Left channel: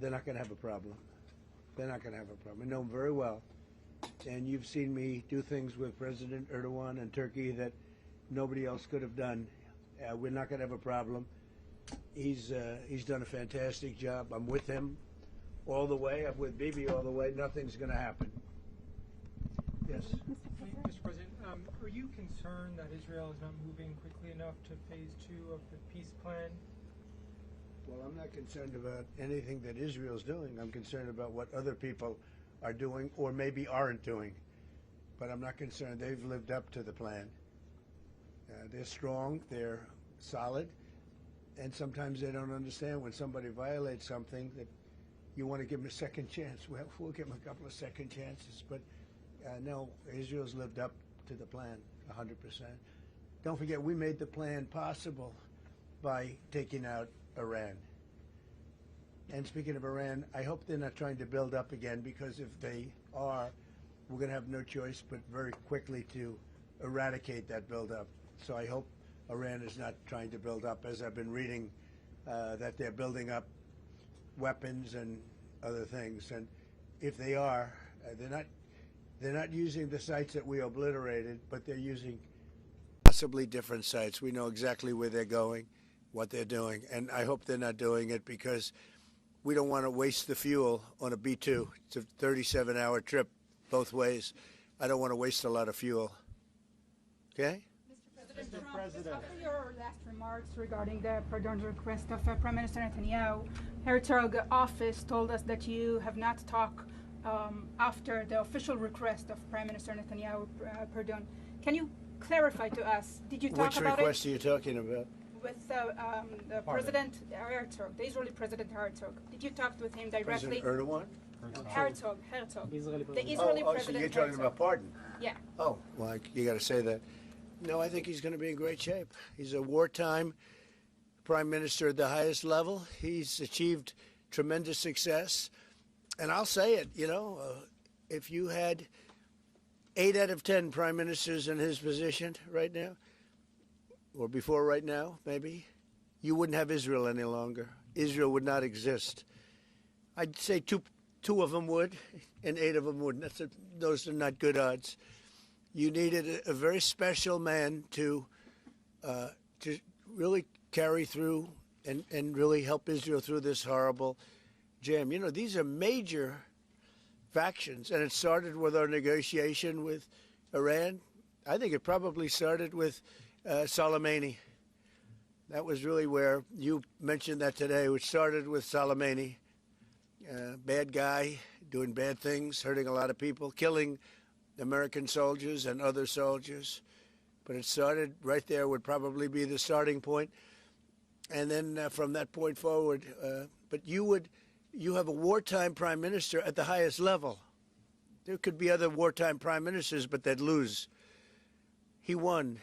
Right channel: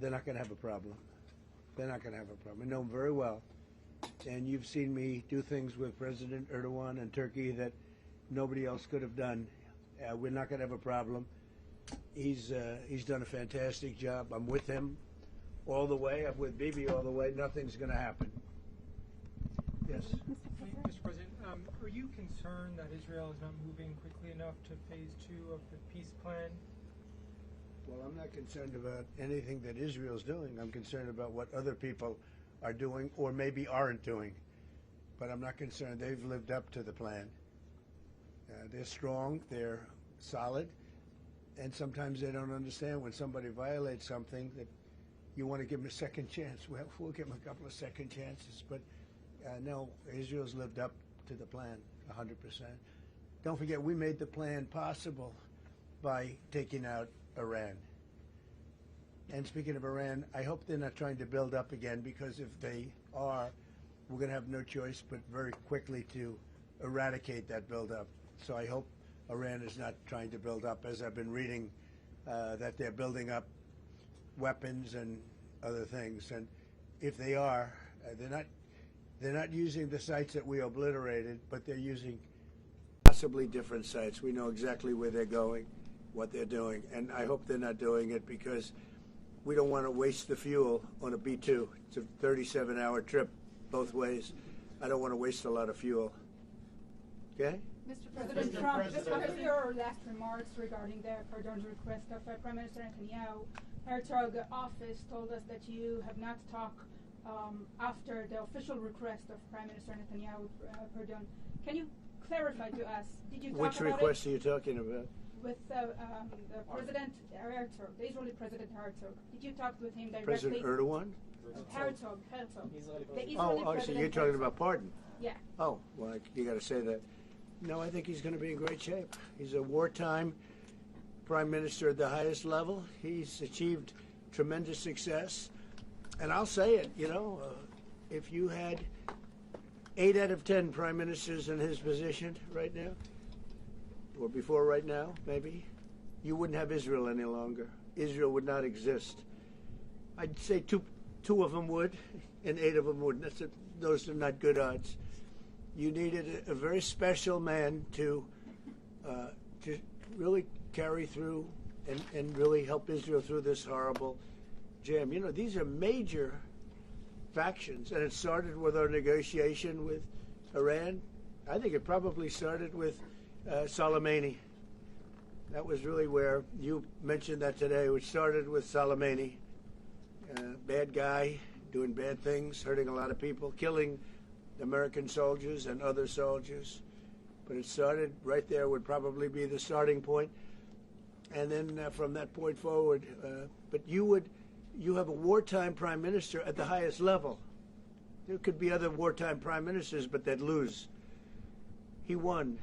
they're not going to have a problem. They're not going to have a problem. I know them very well. And you've seen me do things with President Erdogan and Turkey that nobody else could have done. We're not going to have a problem. He's done a fantastic job. I'm with him all the way. I'm with Bibi all the way. Nothing's going to happen. Yes. Mr. President, are you concerned that Israel is not moving quickly enough to phase 2 of the peace plan? Well, I'm not concerned about anything that Israel's doing. I'm concerned about what other people are doing or maybe aren't doing. But I'm not concerned. They've lived up to the plan. They're strong. They're solid. And sometimes they don't understand when somebody violates something that you want to give them a second chance. Well, we'll give them a couple of second chances. But no, Israel's lived up to the plan 100%. Don't forget, we made the plan possible by taking out Iran. And speaking of Iran, I hope they're not trying to build up again, because if they are, we're going to have no choice but very quickly to eradicate that buildup. So I hope Iran is not trying to build up, as I've been reading that they're building up weapons and other things. And if they are, they're not using the sites that we obliterated, but they're using possibly different sites. We know exactly where they're going, what they're doing, and I hope they're not doing it because we don't want to waste the fuel on a B-2. It's a 37-hour trip both ways. I don't want to waste a lot of fuel. Okay? Mr. President Trump, just after your last remarks regarding the pardon request of Prime Minister Netanyahu, Herzog office told us that you have not talked after the official request of Prime Minister Netanyahu pardon. Can you clarify to us, did you talk about it? Which request are you talking about? With the President Herzog, the Israeli President Herzog. Did you talk with him directly? President Erdogan? Herzog. The Israeli President so you're talking about pardon? Yeah. Oh, well, you got to say that. No, I think he's going to be in great shape. He's a wartime prime minister at the highest level. He's achieved tremendous success. And I'll say it, if you had 8 out of 10 prime ministers in his position right now, or before right now, maybe, you wouldn't have Israel any longer. Israel would not exist. I'd say two of them would, and 8 of them wouldn't. Those are not good odds. You needed a very special man to really carry through and really help Israel through this horrible jam. These are major factions, and it started with our negotiation with Iran. I think it probably started with Soleimani. That was really where you mentioned that today, which started with Soleimani. Bad guy, doing bad things, hurting a lot of people, killing American soldiers and other soldiers. But it started right there, would probably be the starting point. And then from that point forward, but you have a wartime prime minister at the highest level. There could be other wartime prime ministers, but they'd lose. He won.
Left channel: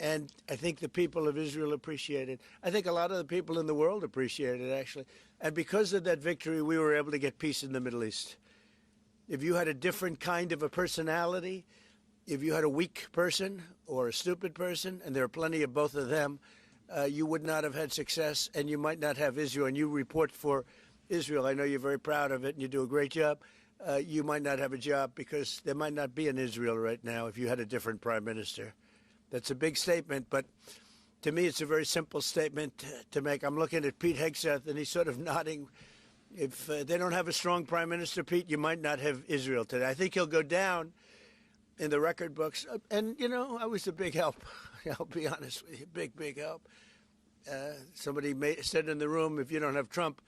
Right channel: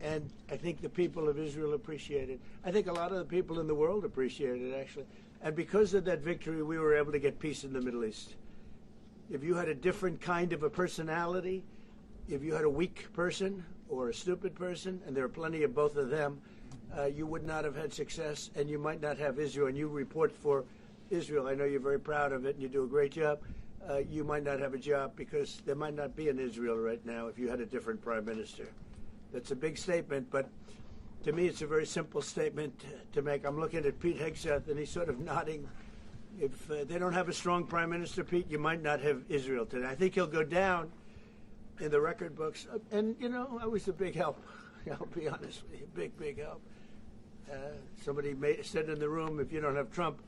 And I think the people of Israel appreciate it. I think a lot of the people in the world appreciate it, actually. And because of that victory, we were able to get peace in the Middle East. If you had a different kind of a personality, if you had a weak person or a stupid person, and there are plenty of both of them, you would not have had success, and you might not have Israel. And you report for Israel. I know you're very proud of it, and you do a great job. You might not have a job because there might not be an Israel right now if you had a different prime minister. That's a big statement, but to me it's a very simple statement to make. I'm looking at Pete Hegseth, and he's sort of nodding. If they don't have a strong prime minister, Pete, you might not have Israel today. I think he'll go down in the record books. And, I was a big help. I'll be honest with you, big help. Somebody said in the room, if you don't have Trump,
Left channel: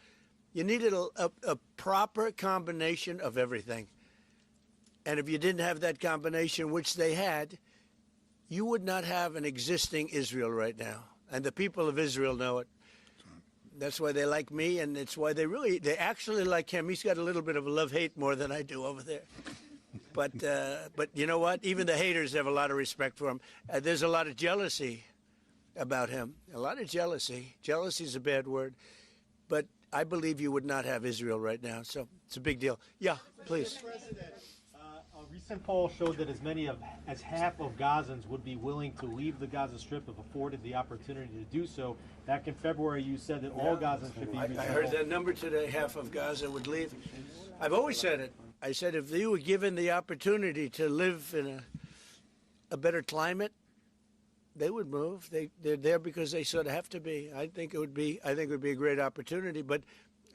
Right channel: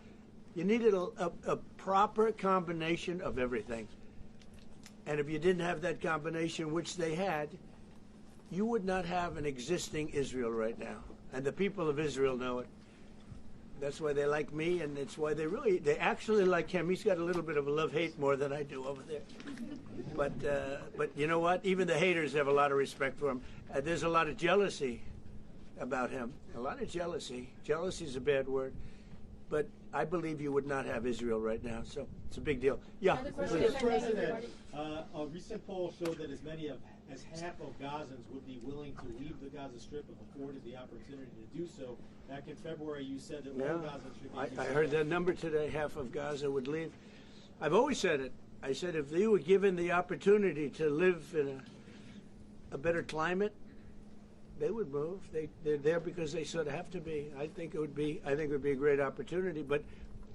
you needed a proper combination of everything. And if you didn't have that combination, which they had, you would not have an existing Israel right now. And the people of Israel know it. That's why they like me, and it's why they actually like him. He's got a little bit of a love-hate more than I do over there. But you know what? Even the haters have a lot of respect for him. There's a lot of jealousy about him. A lot of jealousy. Jealousy is a bad word. But I believe you would not have Israel right now. So it's a big deal. Yeah, please. Mr. President, A recent poll showed that as many as half of Gazans would be willing to leave the Gaza Strip if afforded the opportunity to do so. Back in February, you said that all Gazans should be I heard that number today, half of Gaza would leave. I've always said it. I said if they were given the opportunity to live in a better climate, they would move. They're there because they sort of have to be. I think it would be a great opportunity, but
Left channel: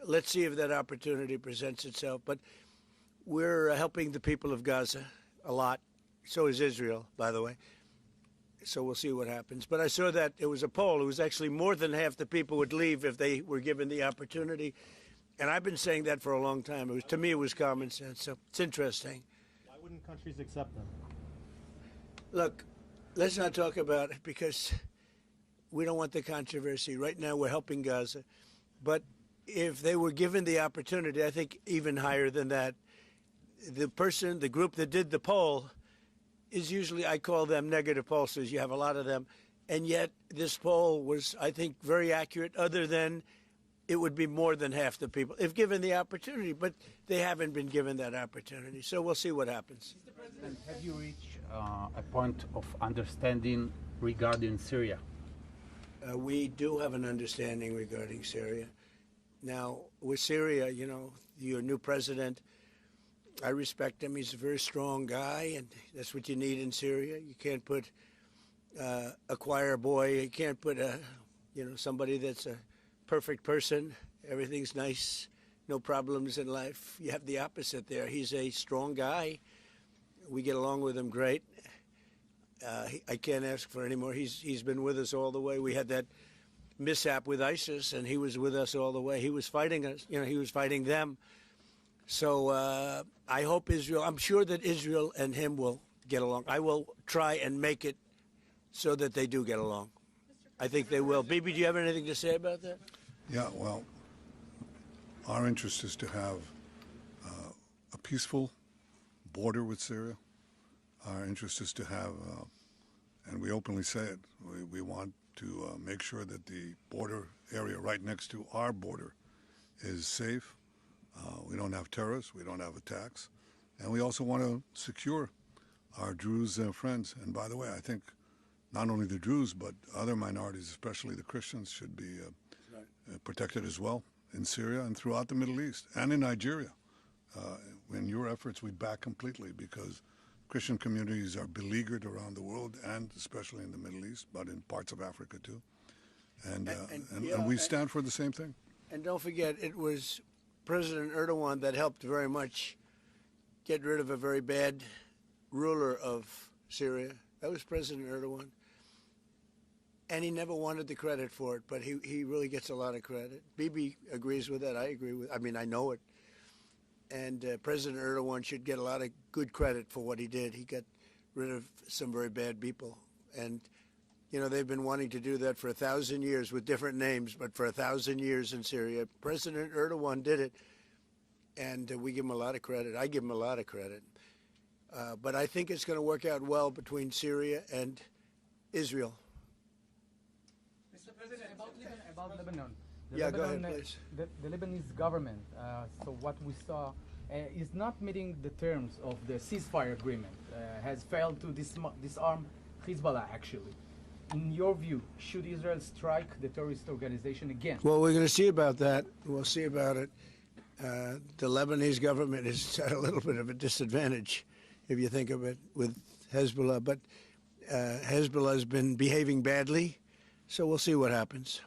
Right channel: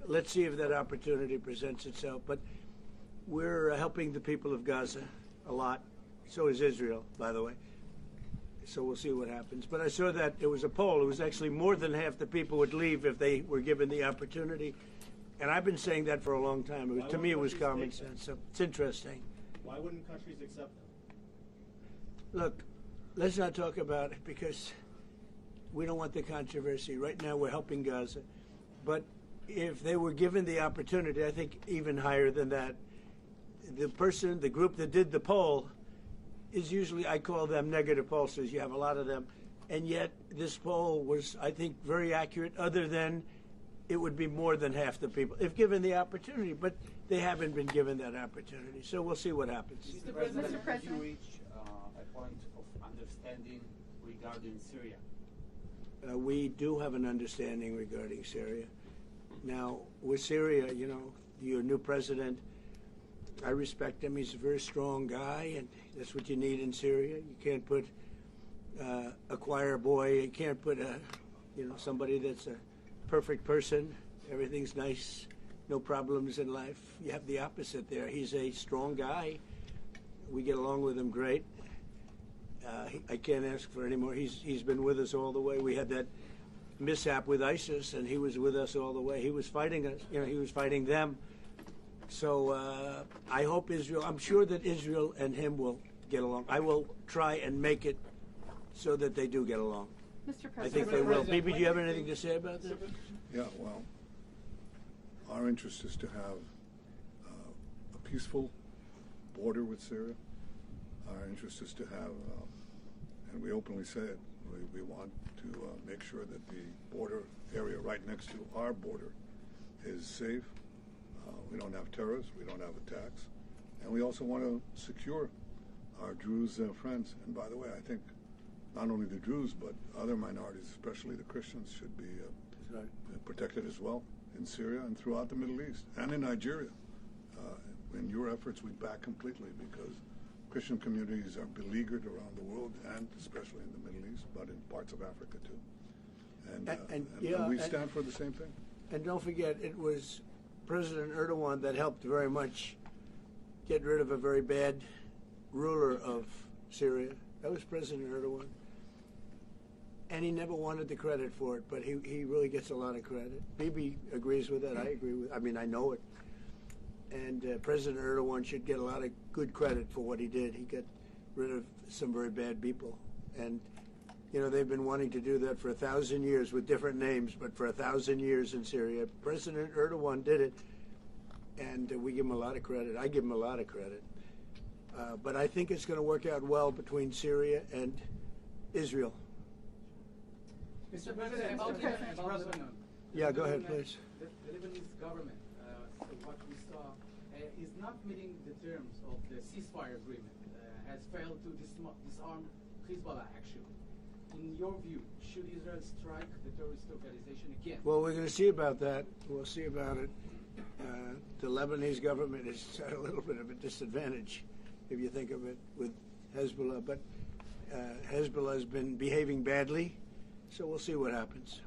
let's see if that opportunity presents itself. But we're helping the people of Gaza a lot. So is Israel, by the way. So we'll see what happens. But I saw that it was a poll. It was actually more than half the people would leave if they were given the opportunity. And I've been saying that for a long time. To me, it was common sense. So it's interesting. Why wouldn't countries accept them? Look, let's not talk about it because we don't want the controversy. Right now, we're helping Gaza. But if they were given the opportunity, I think even higher than that, the group that did the poll is usually, I call them negative pollsters. You have a lot of them. And yet this poll was, I think, very accurate, other than it would be more than half the people if given the opportunity. But they haven't been given that opportunity. So we'll see what happens. Mr. President, have you reached a point of understanding regarding Syria? We do have an understanding regarding Syria. Now, with Syria, you know, your new president, I respect him. He's a very strong guy, and that's what you need in Syria. You can't put a choir boy. You can't put somebody that's a perfect person. Everything's nice, no problems in life. You have the opposite there. He's a strong guy. We get along with him great. I can't ask for any more. He's been with us all the way. We had that mishap with ISIS, and he was with us all the way. He was fighting us. You know, he was fighting them. So I hope Israel, I'm sure that Israel and him will get along. I will try and make it so that they do get along. Mr. I think they will. Bibi, do you have anything to say about that? Yeah, well, our interest is to have a peaceful border with Syria. Our interest is to have, and we openly say it, we want to make sure that the border area right next to our border is safe. We don't have terrorists, we don't have attacks, and we also want to secure our Druze friends. And by the way, I think not only the Druze, but other minorities, especially the Christians, should be protected as well in Syria and throughout the Middle East and in Nigeria. In your efforts, we back completely because Christian communities are beleaguered around the world and especially in the Middle East, but in parts of Africa too. And we stand for the same thing. And don't forget, it was President Erdogan that helped very much get rid of a very bad ruler of Syria. That was President Erdogan. And he never wanted the credit for it, but he really gets a lot of credit. Bibi agrees with that. I agree with. I mean, I know it. And President Erdogan should get a lot of good credit for what he did. He got rid of some very bad people. And, you know, they've been wanting to do that for 1,000 years with different names, but for 1,000 years in Syria. President Erdogan did it, and we give him a lot of credit. I give him a lot of credit. But I think it's going to work out well between Syria and Israel. Mr. President, about Lebanon. Yeah, go ahead, please. The Lebanese government, so what we saw, is not meeting the terms of the ceasefire agreement, has failed to disarm Hezbollah, actually. In your view, should Israel strike the terrorist organization again? Well, we're going to see about that. We'll see about it. The Lebanese government is at a little bit of a disadvantage, if you think of it, with Hezbollah. But Hezbollah has been behaving badly, so we'll see what happens.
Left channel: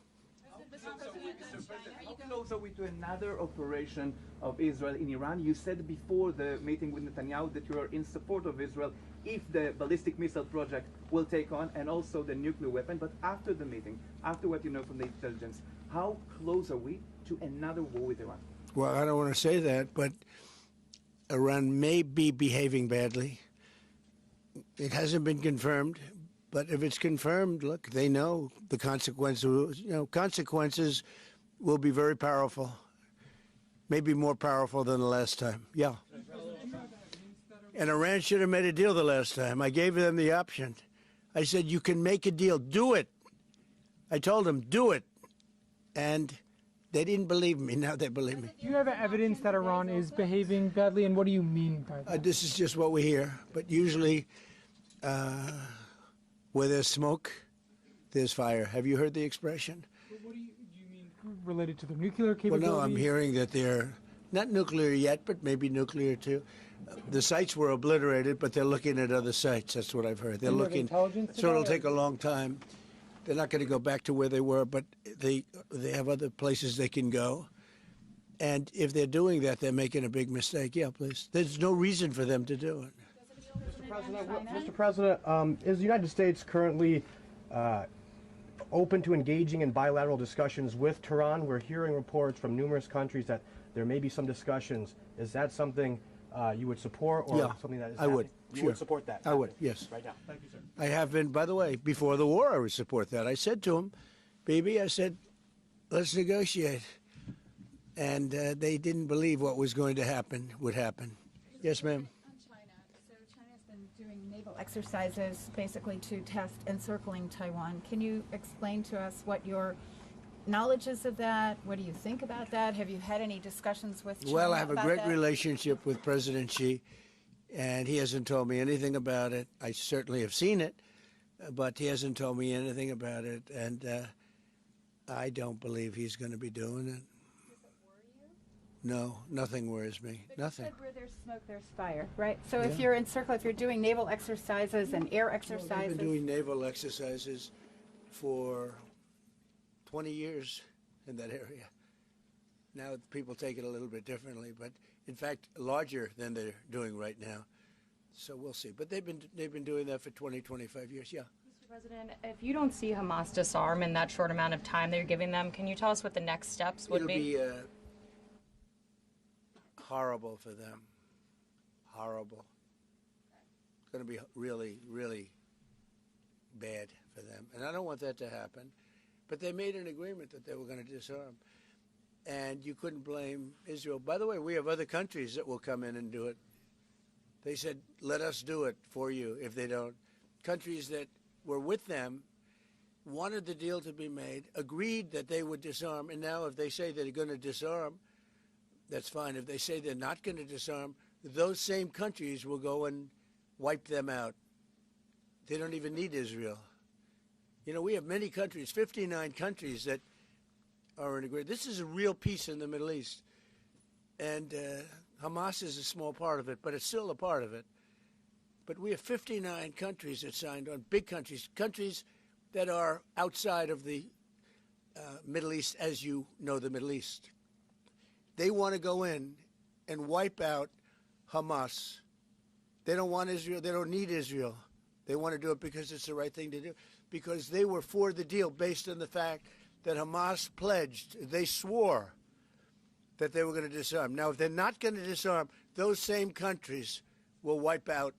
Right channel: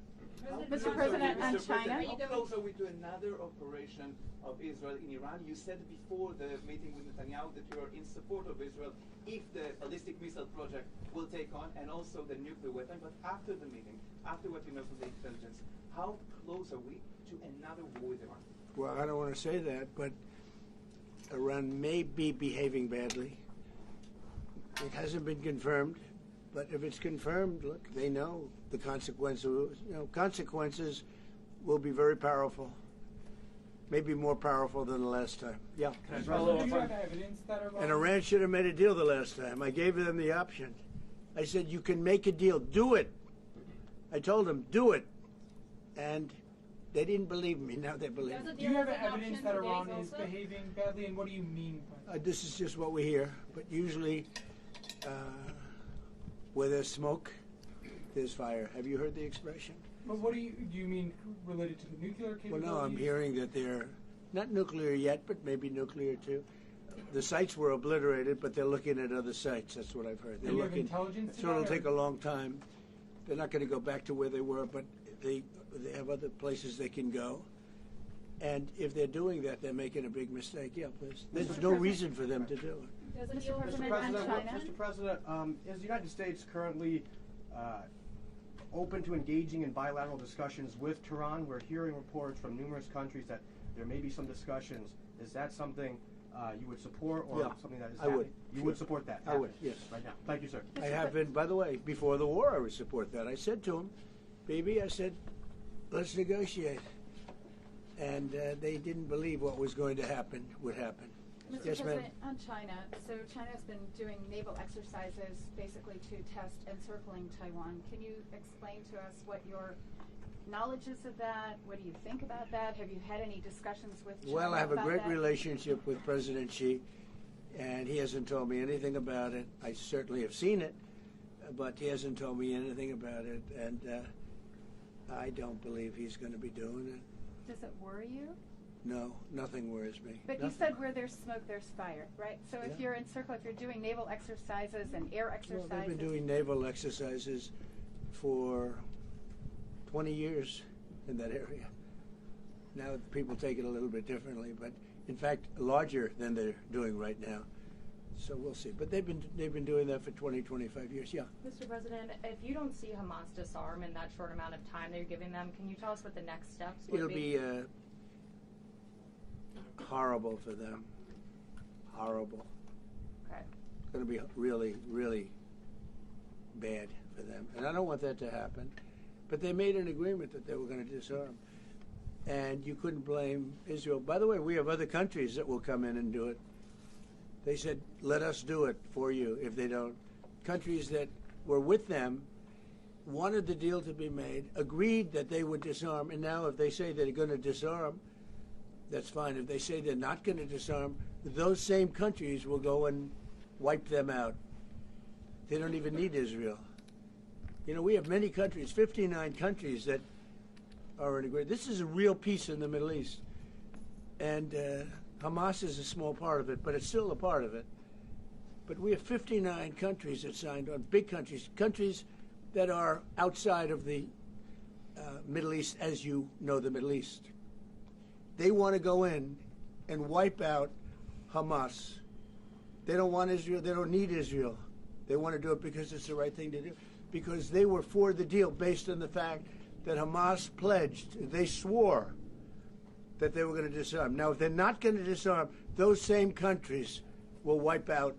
Mr. President, and China. How close are we to another operation of Israel in Iran? You said before the meeting with Netanyahu that you are in support of Israel if the ballistic missile project will take on and also the nuclear weapon. But after the meeting, after what you know from the intelligence, how close are we to another war with Iran? Well, I don't want to say that, but Iran may be behaving badly. It hasn't been confirmed. But if it's confirmed, look, they know the consequences. You know, consequences will be very powerful, maybe more powerful than the last time. Yeah. And Iran should have made a deal the last time. I gave them the option. I said, you can make a deal. Do it. I told them, do it. And They didn't believe me. Now they believe me. Do you have evidence that Iran is behaving badly, and what do you mean by that? This is just what we hear. But usually, where there's smoke, there's fire. Have you heard the expression? Well, what do you mean related to the nuclear Well, capabilities? no, I'm hearing that they're not nuclear yet, but maybe nuclear too. The sites were obliterated, but they're looking at other sites. That's what I've heard. They're Do you have looking. intelligence So to it'll that, take or- a long time. They're not going to go back to where they were, but they have other places they can go. And if they're doing that, they're making a big mistake. Yeah, please. There's no reason for them to do it. Mr. President, is the United States currently open to engaging in bilateral discussions with Tehran? We're hearing reports from numerous countries that there may be some discussions. Is that something you would support, or Yeah, something that is I would. happening? You Sure. would support that? I would, yes. Right now. Thank you, sir. I have been, by the way, before the war, I would support that. I said to him, Bibi, I said, let's negotiate. And they didn't believe what was going to happen would happen. Mr. Yes, ma'am. President, on China, so China's been doing naval exercises basically to test encircling Taiwan. Can you explain to us what your knowledge is of that? What do you think about that? Have you had any discussions with China Well, I have a about great that? relationship with President Xi, and he hasn't told me anything about it. I certainly have seen it, but he hasn't told me anything about it, and I don't believe he's going to be doing it. Does it worry you? No, nothing worries me. But nothing. you said where there's smoke, there's fire, right? So if Yeah. you're encircled, if you're doing naval exercises and air Well, exercises, they've been doing naval exercises for 20 years in that area. Now people take it a little bit differently, but in fact larger than they're doing right now. So we'll see. But they've been doing that for 20, 25 years. Yeah. Mr. President, if you don't see Hamas disarm in that short amount of time that you're giving them, can you tell us what the next steps would It'll be horrible for them. Horrible. Okay. It's going to be really, really bad for them. And I don't want that to happen. But they made an agreement that they were going to disarm. And you couldn't blame Israel. By the way, we have other countries that will come in and do it. They said, let us do it for you if they don't. Countries that were with them wanted the deal to be made, agreed that they would disarm, and now if they say they're going to disarm, that's fine. If they say they're not going to disarm, those same countries will go and wipe them out. They don't even need Israel. You know, we have many countries, 59 countries that are in agreement. This is a real peace in the Middle East. And Hamas is a small part of it, but it's still a part of it. But we have 59 countries that signed on, big countries, countries that are outside of the Middle East, as you know the Middle East. They want to go in and wipe out Hamas. They don't want Israel. They don't need Israel. They want to do it because it's the right thing to do, because they were for the deal based on the fact that Hamas pledged, they swore that they were going to disarm. Now, if they're not going to disarm, those same countries will wipe out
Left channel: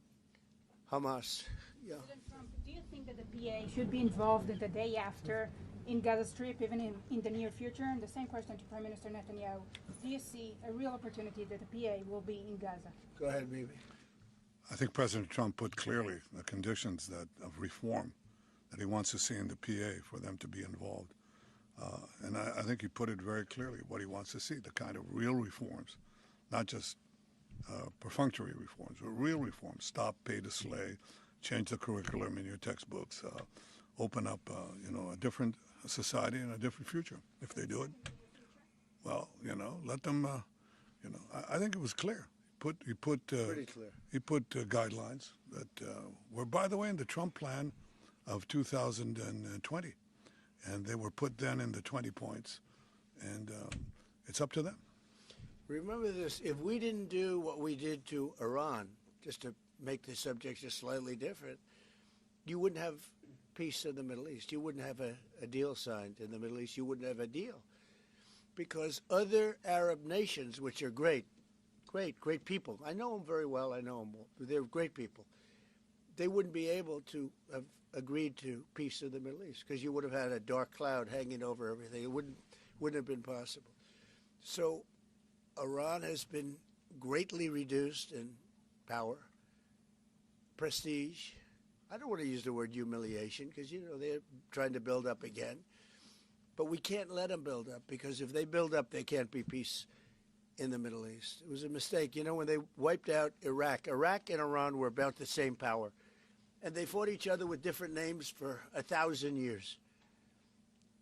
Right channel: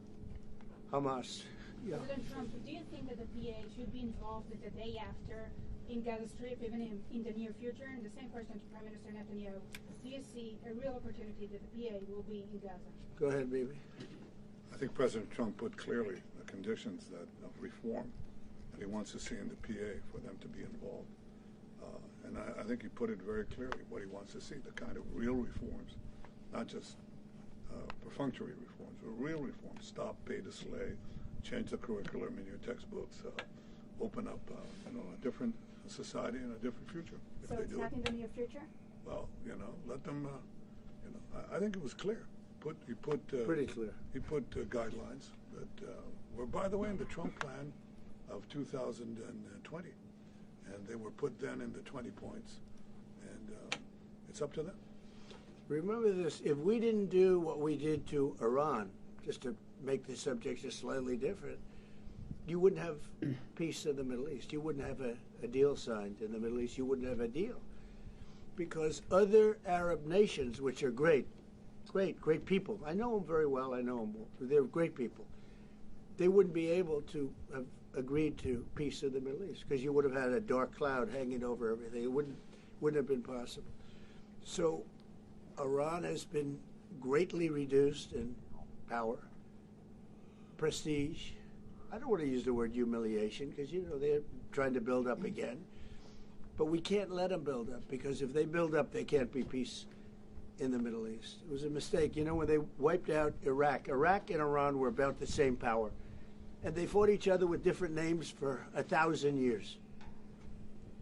Hamas. Yeah. President Trump, do you think that the PA should be involved the day after in Gaza Strip, even in the near future? And the same question to Prime Minister Netanyahu. Do you see a real opportunity that the PA will be in Gaza? Go ahead, baby. I think President Trump put clearly the conditions of reform that he wants to see in the PA for them to be involved. And I think he put it very clearly what he wants to see, the kind of real reforms, not just perfunctory reforms, but real reforms. Stop pay to slay, change the curriculum in your textbooks, open up a different society and a different future if they do it. In the near future? Well, let them, I think it was clear. He put Pretty clear. He put guidelines that were, by the way, in the Trump plan of 2020. And they were put then in the 20 points. And it's up to them. Remember this, if we didn't do what we did to Iran, just to make the subject just slightly different, you wouldn't have peace in the Middle East. You wouldn't have a deal signed in the Middle East. You wouldn't have a deal. Because other Arab nations, which are great people, I know them very well, I know them, they're great people, they wouldn't be able to have agreed to peace in the Middle East, because you would have had a dark cloud hanging over everything. It wouldn't have been possible. So Iran has been greatly reduced in power, prestige. I don't want to use the word humiliation, because they're trying to build up again. But we can't let them build up, because if they build up, there can't be peace in the Middle East. It was a mistake. You know, when they wiped out Iraq and Iran were about the same power. And they fought each other with different names for 1,000 years.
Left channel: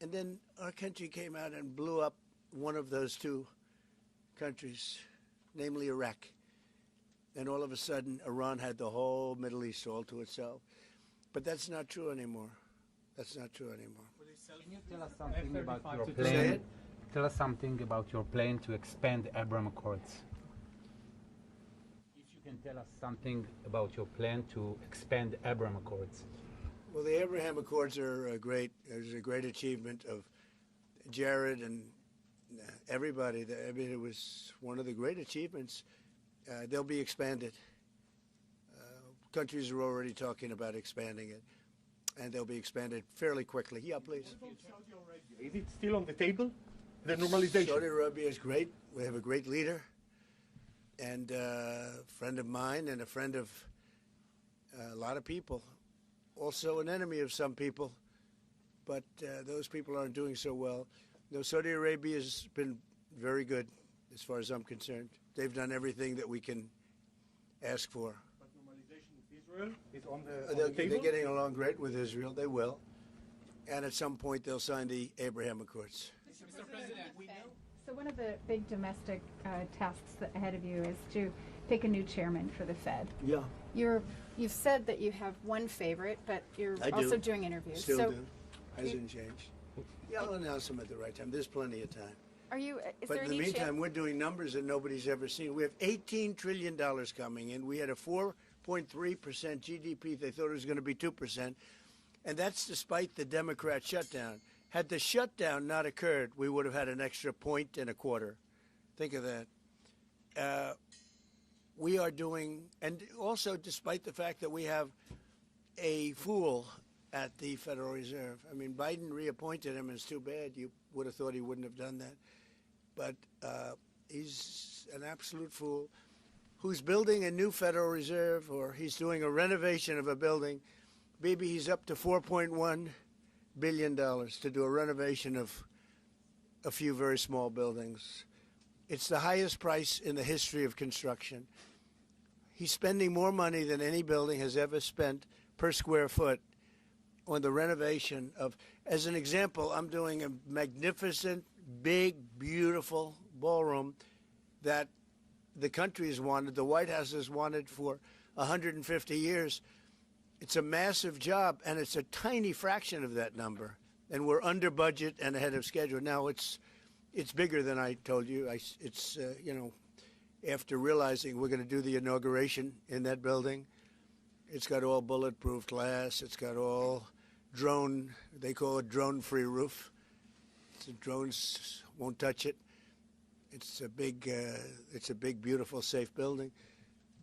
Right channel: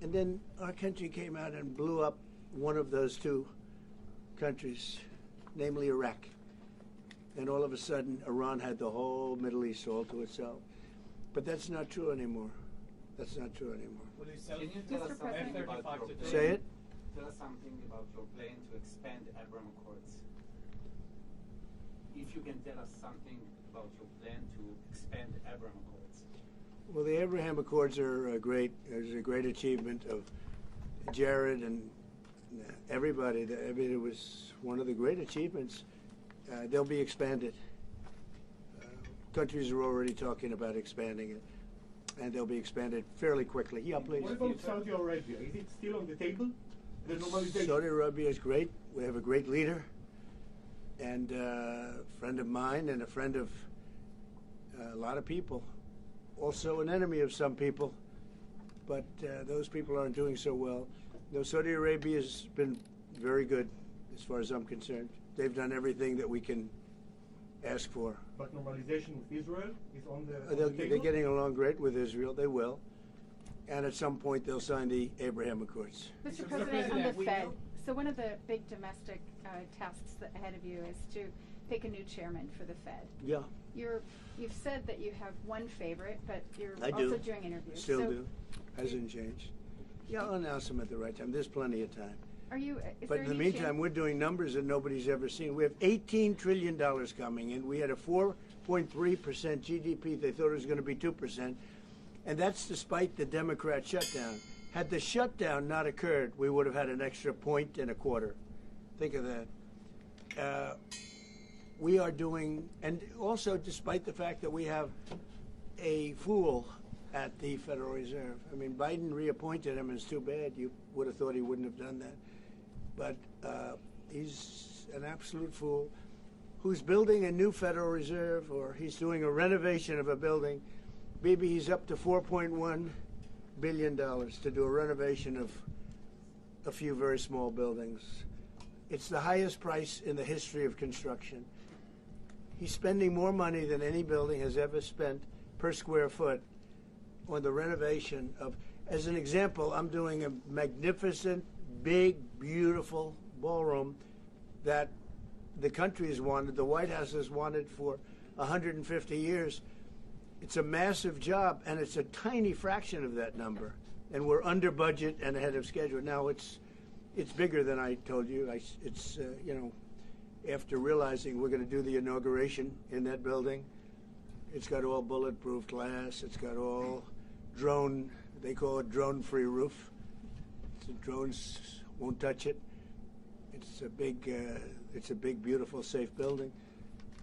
And then our country came out and blew up one of those two countries, namely Iraq. And all of a sudden, Iran had the whole Middle East all to itself. But that's not true anymore. That's not true anymore. Can you tell us something about your Say plan? it? Tell us something about your plan to expand Abraham Accords. If you can tell us something about your plan to expand Abraham Accords. Well, the Abraham Accords are great. It was a great achievement of Jared and everybody. I mean, it was one of the great achievements. They'll be expanded. Countries are already talking about expanding it, and they'll be expanded fairly quickly. Yeah, please. What about Saudi Arabia? Is it still on the table? The normalization? Saudi Arabia is great. We have a great leader, and a friend of mine and a friend of a lot of people. Also an enemy of some people, but those people aren't doing so well. No, Saudi Arabia has been very good as far as I'm concerned. They've done everything that we can ask for. But normalization with Israel is on the They're table? getting along great with Israel. They will. And at some point, they'll sign the Abraham Accords. Mr. President, on the Fed, so one of the big domestic tasks ahead of you is to pick a new chairman for the Fed. Yeah. You've said that you have one favorite, but you're I also do. doing interviews. Still so do. Hasn't changed. Yeah, I'll announce them at the right time. There's plenty of time. Are you? Is But there in the any meantime, chance? we're doing numbers that nobody's ever seen. We have $18 trillion coming in. We had a 4.3% GDP. They thought it was going to be 2%. And that's despite the Democrat shutdown. Had the shutdown not occurred, we would have had an extra 1.25. Think of that. We are doing, and also despite the fact that we have a fool at the Federal Reserve. I mean, Biden reappointed him, and it's too bad. You would have thought he wouldn't have done that. But he's an absolute fool who's building a new Federal Reserve, or he's doing a renovation of a building. Maybe he's up to $4.1 billion to do a renovation of a few very small buildings. It's the highest price in the history of construction. He's spending more money than any building has ever spent per square foot on the renovation of, as an example, I'm doing a magnificent, big, beautiful ballroom that the country has wanted, the White House has wanted for 150 years. It's a massive job, and it's a tiny fraction of that number. And we're under budget and ahead of schedule. Now, it's bigger than I told you. After realizing we're going to do the inauguration in that building, it's got all bulletproof glass. It's got all drone, they call it drone-free roof. So drones won't touch it. It's a big, beautiful, safe building.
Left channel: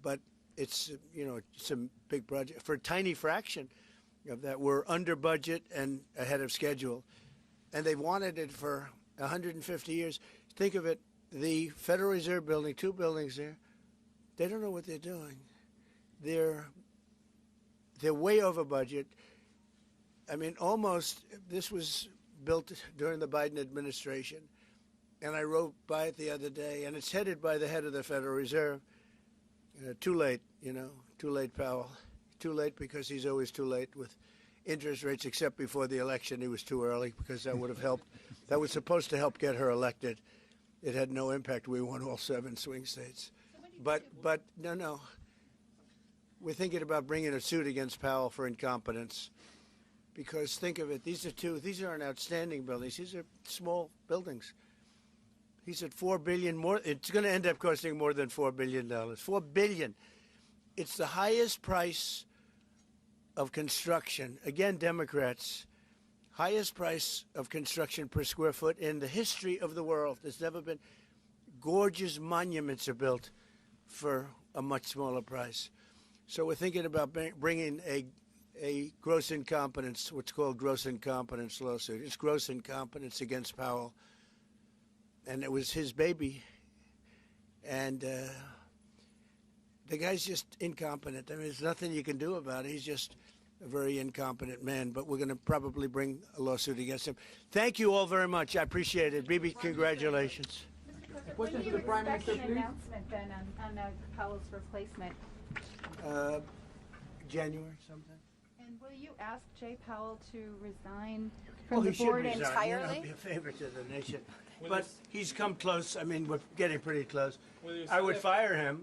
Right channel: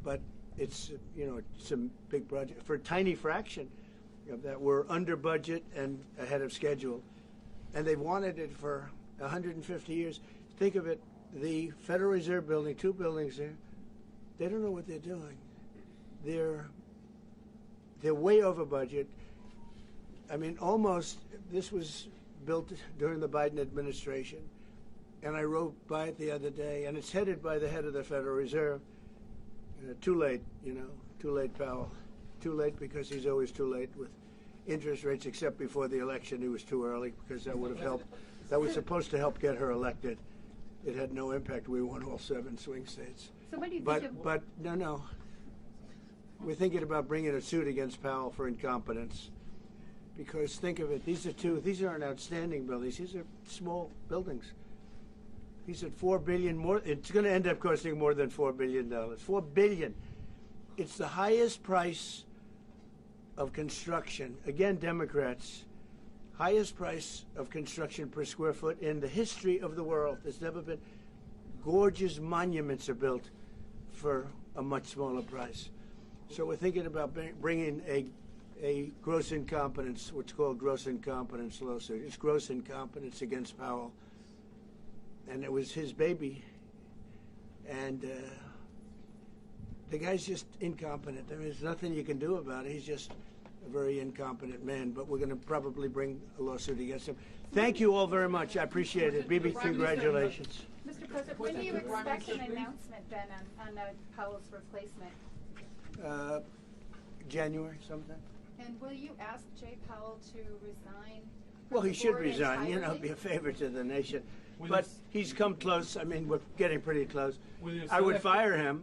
But it's a big project. For a tiny fraction of that, we're under budget and ahead of schedule. And they've wanted it for 150 years. Think of it, the Federal Reserve building, two buildings there, they don't know what they're doing. They're way over budget. I mean, almost, this was built during the Biden administration. And I rode by it the other day, and it's headed by the head of the Federal Reserve. Too late, too late, Powell. Too late because he's always too late with interest rates, except before the election he was too early because that would have helped. That was supposed to help get her elected. It had no impact. We won all 7 swing states. So what do you think of? But no. We're thinking about bringing a suit against Powell for incompetence. Because think of it, these aren't outstanding buildings. These are small buildings. He said $4 billion more. It's going to end up costing more than $4 billion. $4 billion. It's the highest price of construction. Again, Democrats. Highest price of construction per square foot in the history of the world. There's never been. Gorgeous monuments are built for a much smaller price. So we're thinking about bringing a gross incompetence, what's called gross incompetence lawsuit. It's gross incompetence against Powell. And it was his baby. And the guy's just incompetent. I mean, there's nothing you can do about it. He's just a very incompetent man, but we're going to probably bring a lawsuit against him. Thank you all very much. I appreciate it. Bibi, congratulations. Mr. President, when do you expect an announcement then on Powell's replacement? January sometime. And will you ask Jay Powell to resign Well, from he the should board resign. You know, entirely? be a favor to the nation. But he's come close. I mean, we're getting pretty close. I would fire him.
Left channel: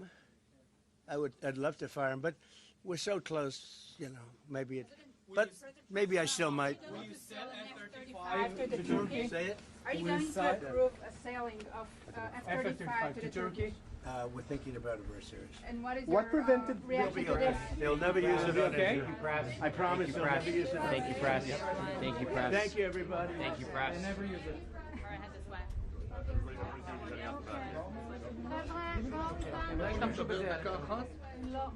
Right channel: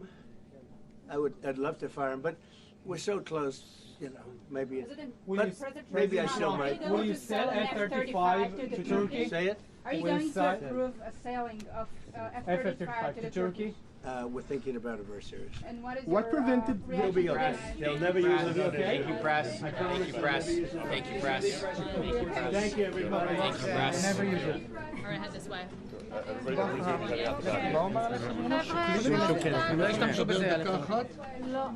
I'd love to fire him, but we're so close. You know, maybe. But maybe I still might. Will you sell F-35 to Turkey? Say it. Are you going to approve a sailing of F-35 to the Turkey? We're thinking about it very seriously. And what is What your prevented- reaction We'll be to okay. that? They'll never use it. Okay. Thank you, press. I promise. Thank you, press. Thank you, press. Thank you, press. Thank you, everybody. Thank you, press. Never use it. All right, head this way.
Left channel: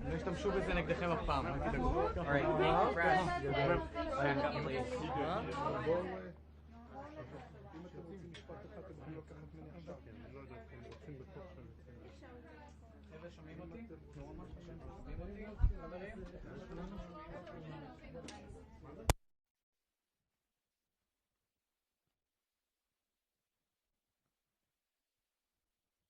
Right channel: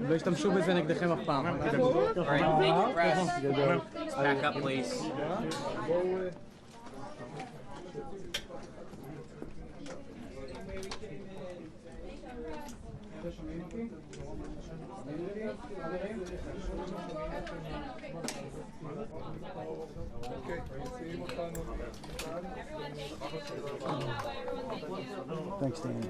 לא ישתמשו בזה נגדכם אף פעם. All right, thank you, press. Back up, please. Thanks, Dan.